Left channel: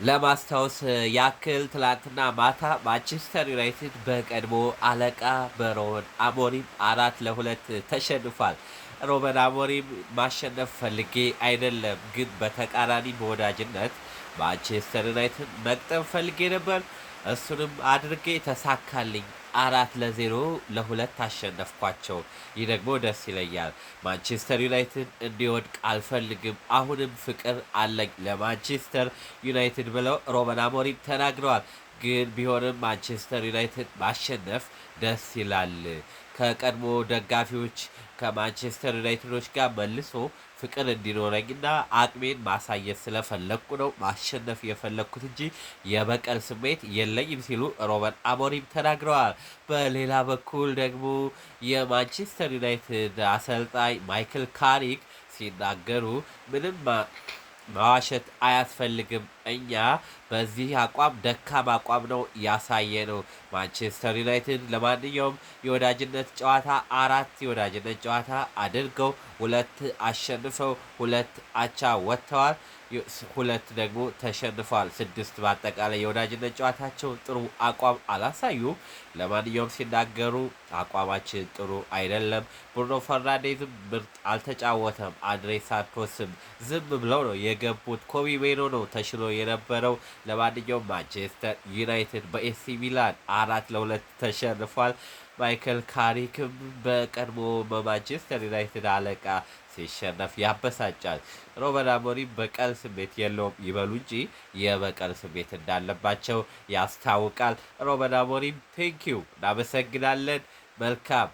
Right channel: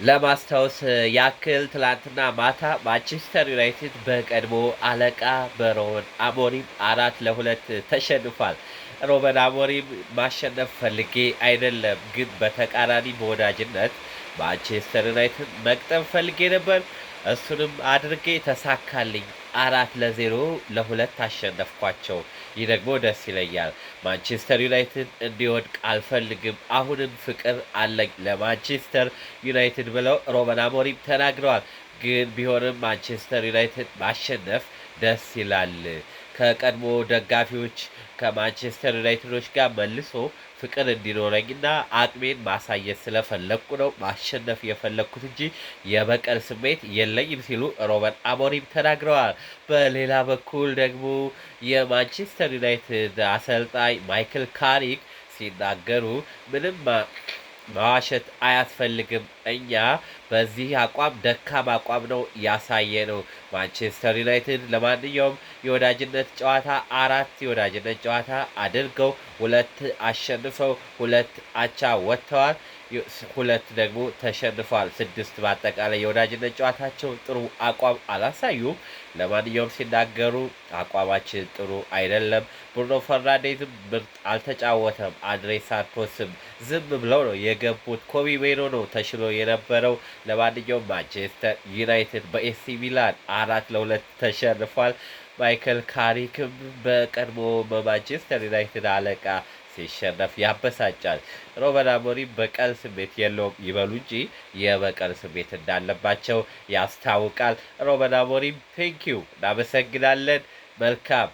ለማስታወስ ያክል ትላንትና ማታ ማንቸስተር ዩናይትድ በቀድሞ አለቃ በሮበን አሞሪም 4-2 ተሸንፏል። ሮበን አሞሪም ማሸነፍ ፈልጌ አይደለም፣ ግን በተቃራኒ በወዳጅነት ማንቸስተር ዩናይትድ መቅጠም ፈልጌ ነበር። እሱንም አድርጌ ተሳካልኝ። 4-0 አሸነፍኳቸው። ይህ ደግሞ ደስ ይለኛል። ማንቸስተር ዩናይትድ እንዲወድቅ አልፈልግም። አሁንም ፍቅር አለኝ ለማንቸስተር ዩናይትድ ብለው ሮበን አሞሪም ተናግረዋል። ግን ቢሆንም ማንቸስተር ዩናይትድ ማሸነፍ ደስ ይላል። ከቀድሞ ደጋፊዎች ከማንቸስተር ዩናይትዶች ጋር መልሶ ፍቅር እንዲኖረኝና አቅሜን ማሳየት ስለፈለግኩ ነው ማሸነፍ የፈለግኩት እንጂ የበቀል ስሜት የለኝም ሲሉ ሮበን አሞሪም ተናግረዋል። በሌላ በኩል ደግሞ የማንቸስተር ዩናይትድ አሰልጣኝ ማይክል ካሪክ ሲናገሩ ምንም መዋሸት አያስፈልግም። እኛ በዚህ አቋም ደካማ አቋም ነው ያሳየ ነው። ማንቸስተር ዩናይትድ ለማንኛውም የወዳጅነት ጨዋታ 4 የወዳጅነት ጨዋታ አድርገው 2 አሸንፈው 2 አቻ ወጥተዋል። 2 ደግሞ ተሸንፈዋል። 6 በአጠቃላይ የወዳጅነት ጨዋታቸው ጥሩ አቋም አላሳዩም። ለማንኛውም ሲናገሩ አቋማችን ጥሩ አይደለም። ብሩኖ ፈርናንዴዝም ምርጥ አልተጫወተም። አንድሬ ሳንቶስም ዝም ብለው ነው የገቡት። ኮቢ ሜኖ ነው ተሽሎ የነበረው። ለማንኛውም ማንቸስተር ዩናይትድ በኤሲ ሚላን 4-2 ተሸንፏል። ማይክል ካሪክም በቀድሞ በማንቸስተር ዩናይትድ አለቃ ሲሸነፍ ያበሳጫል። ሮበን አሞሪም በቀል ስሜት የለውም ይበሉ እንጂ የበቀል ስሜት እንዳለባቸው ያስታውቃል። ሮበን አሞሪም ቴንኪው፣ እናመሰግናለን። መልካም